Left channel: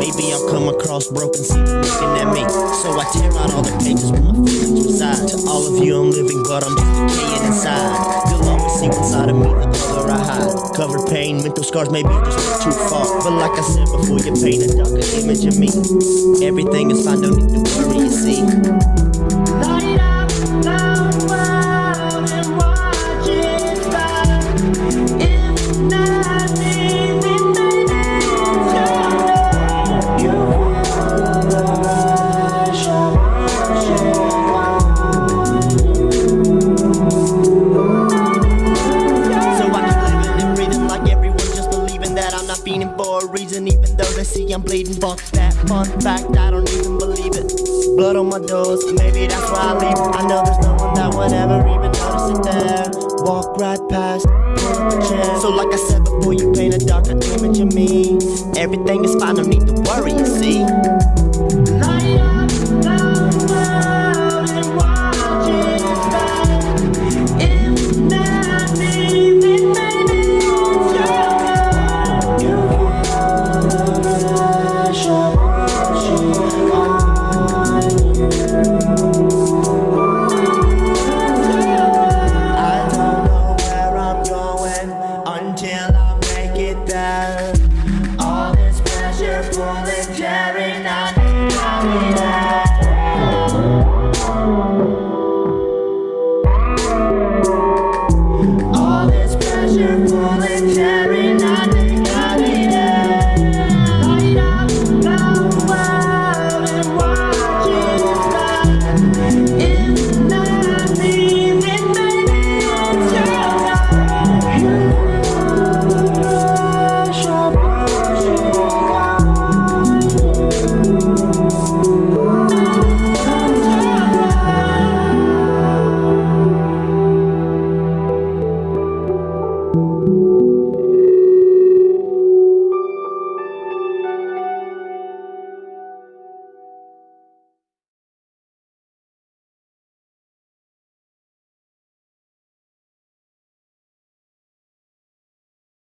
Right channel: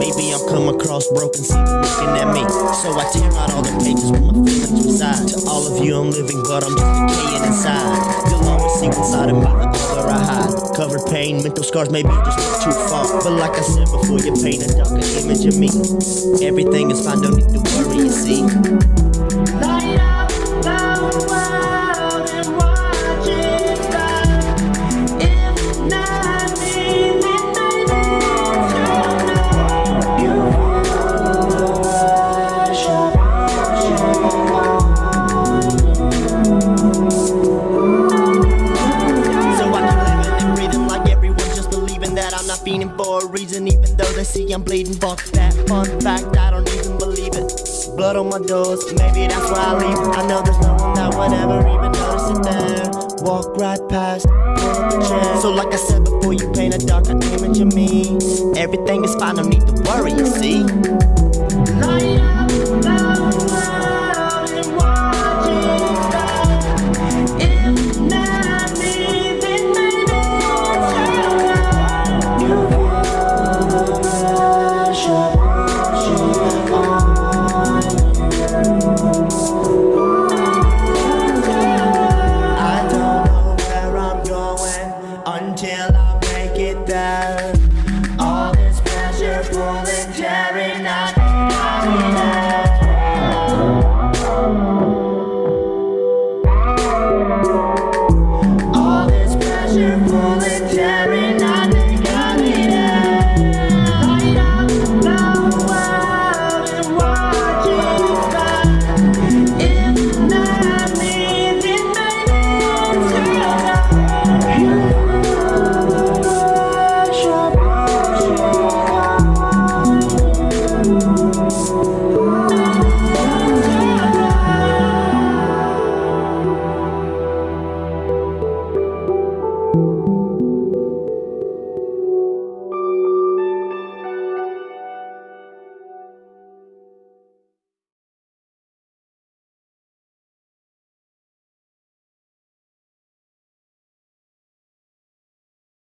Maybe I'm come across broken, see them looking at me. So I tear out all the pages where my feelings reside. To all of you I'm living, but I'm just decaying inside. You'll always see one side of me, the other I hide. Covered pain, mental scars maybe just went too far. But like I said before, you paint a darker image of me. Everything is fine, don't need to worry, you see. Light up the world and watch it burn. If not me, then maybe it's gonna. You feel the rush of rushing on you. So I keep living and breathing like everyone, just believing that I'm not fiending for a reason. Even though they see I'm bleeding, fuck that fun fact, I don't even believe it. Blood on my doors, maybe that's why I leave. I know there's no one that would ever even notice it there. Walk right past, pull up a chair. So like I said before, you paint a darker image of me. Everything is fine, no need to worry, you see. Light up the world and watch it burn. If not me, then maybe it's gonna. You feel the rush of rushing on I don't know where I'm going until I make it there. All this pressure pulling, tearing